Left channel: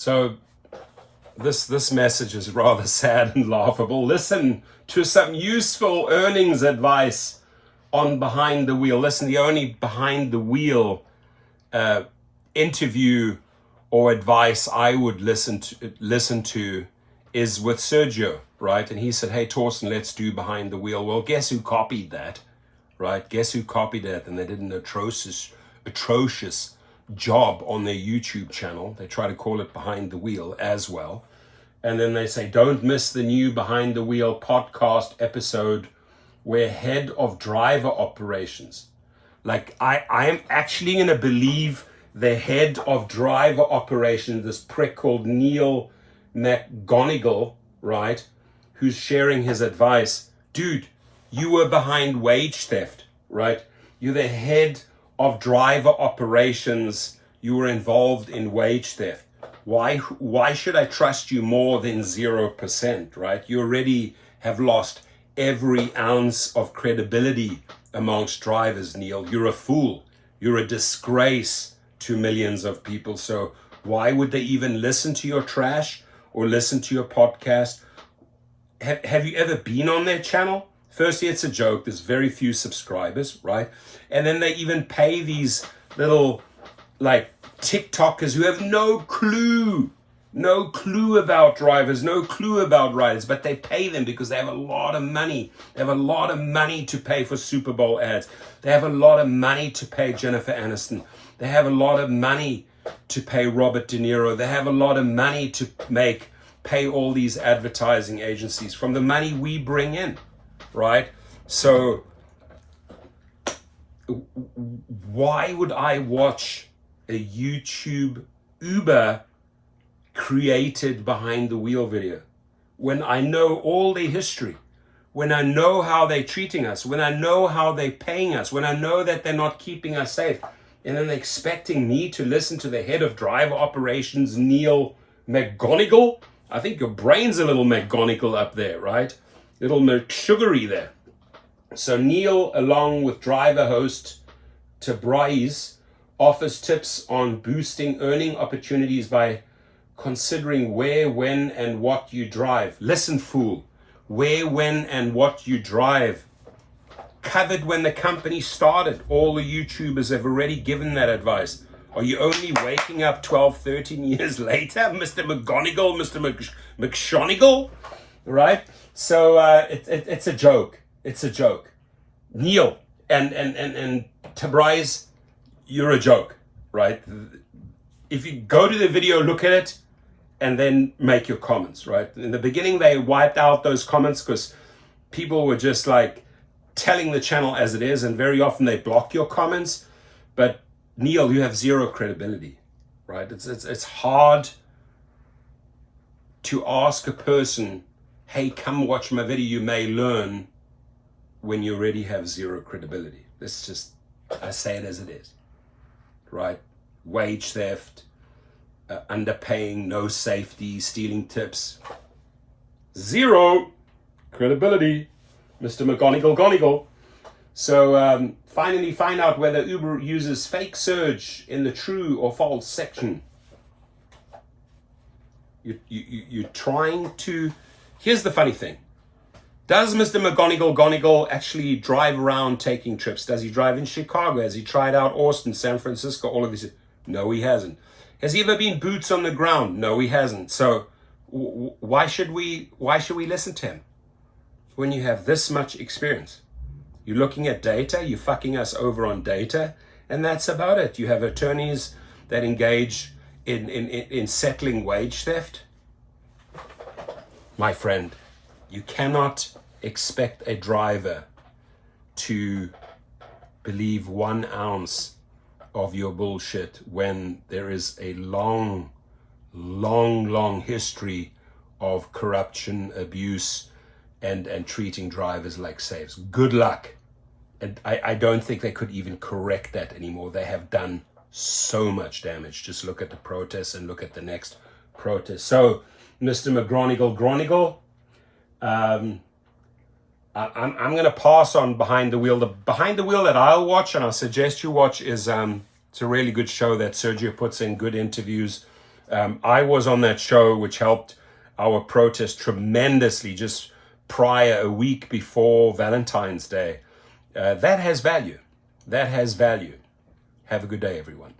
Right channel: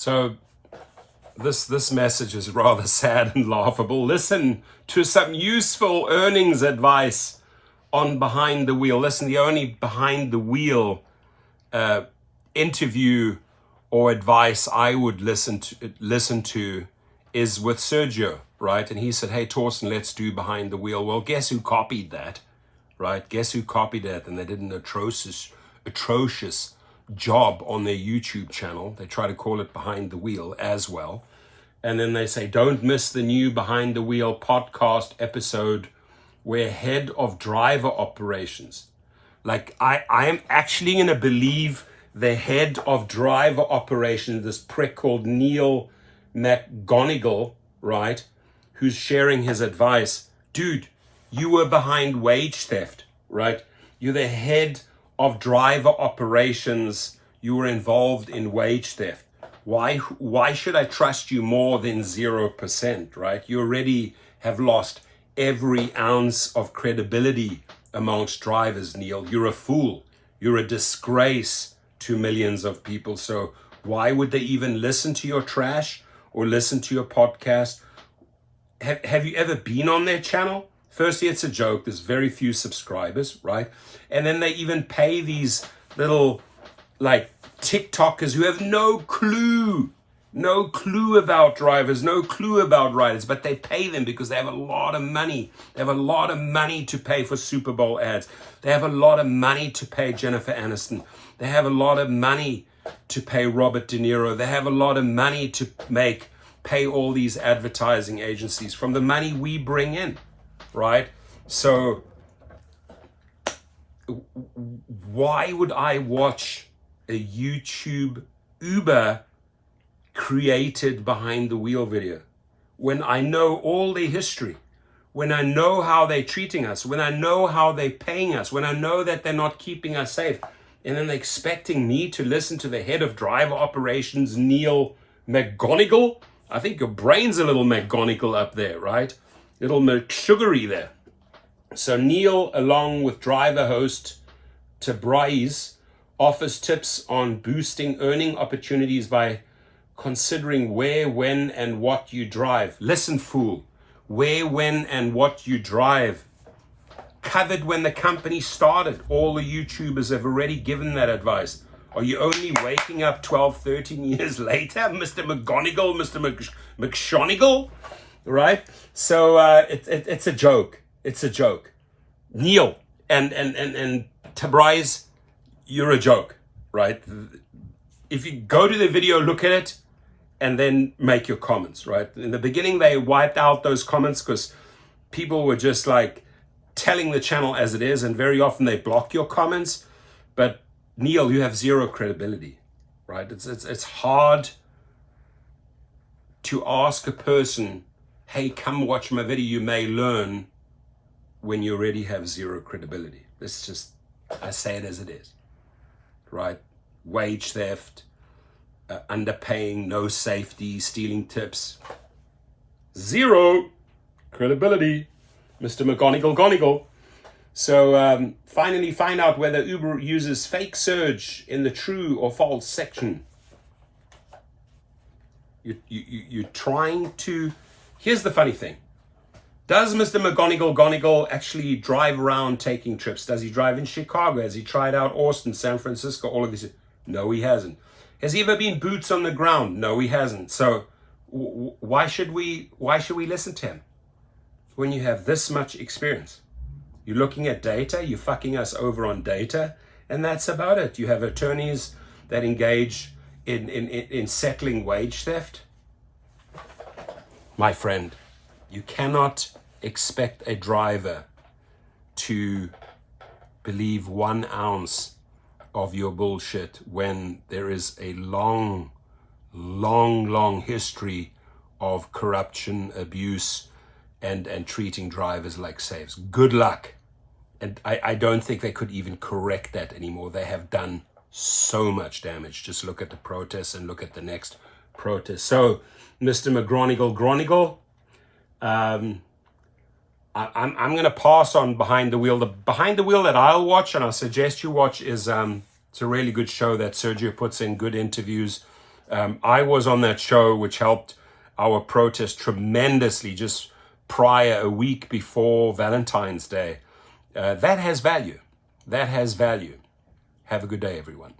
So this message is rather sad and laughable. Listen to some useful earnings advice on Behind the Wheel. Listen, the only Behind the Wheel interview or advice I would listen to is with Sergio, right? And he said, hey, Torsten, let's do Behind the Wheel. Well, guess who copied that, right? Guess who copied that? And they did an atrocious job on their YouTube channel. They try to call it Behind the Wheel as well. And then they say, don't miss the new Behind the Wheel podcast episode where head of driver operations, like I am actually going to believe the head of driver operations, this prick called Neil McGonigle, right, who's sharing his advice. Dude, you were behind wage theft, right? You're the head of driver operations. You were involved in wage theft. Why should I trust you more than 0%, right? You already have lost every ounce of credibility amongst drivers, Neil. You're a fool. You're a disgrace to millions of people. So why would they even listen to your trash or listen to your podcast? Have you ever been on their channel? Firstly, it's a joke. There's very few subscribers, right? And then they even pay these little like TikTokers who have no clue about drivers, no clue about riders, but they pay them because they have a lot of money. They have a lot of money to pay for Super Bowl ads. They have a lot of money to pay Jennifer Aniston. They have a lot of money to pay Robert De Niro. They have a lot of money to pay all these advertising agencies from the money we bring in, right? So why would I watch a YouTube Uber created Behind the Wheel video when I know all their history, when I know how they're treating us, when I know how they're paying us, when I know that they're not keeping us safe, and then they're expecting me to listen to the head of driver operations, Neil McGonigle? I think your brain's a little McGonigle up there, right? Little McSugary there. So Neil, along with driver host Tabriz, offers tips on boosting earning opportunities by considering where, when, and what you drive. Listen, fool, where, when, and what you drive. Covered when the company started. All the YouTubers have already given that advice. Are you only waking up 12, 13 years later, Mr. McGonigle, Mr. McShonigle, right? So it's a joke. It's a joke. Neil and Tabriz, you're a joke, right? If you go to the video, look at it, and then make your comments, right? In the beginning, they wiped out those comments because people were just like telling the channel as it is, and very often they block your comments. But Neil, you have zero credibility, right? It's hard to ask a person, hey, come watch my video, you may learn, when you already have zero credibility. This just, I say it as it is, right? Wage theft, underpaying, no safety, stealing tips. Zero credibility, Mr. McGonigle. So finally find out whether Uber uses fake surge in the true or false section. You're trying to... Here's the funny thing. Does Mr. McGonigle actually drive around taking trips? Does he drive in Chicago? Has he tried out Austin, San Francisco, all of these? No, he hasn't. Has he ever been boots on the ground? No, he hasn't. So why should we listen to him when you have this much experience? You're looking at data, you're fucking us over on data, and that's about it. You have attorneys that engage in settling wage theft. My friend, you cannot expect a driver to believe 1 ounce of your bullshit when there is a long history of corruption, abuse, and treating drivers like slaves. Good luck. And I don't think they could even correct that anymore. They have done so much damage. Just look at the protests and look at the next protest. So, Mr. McGonigle, I'm going to pass on Behind the Wheel. The Behind the Wheel that I'll watch and I suggest you watch is it's a really good show that Sergio puts in, good interviews, I was on that show, which helped our protest tremendously just prior, a week before Valentine's Day. That has value. That has value. Have a good day, everyone.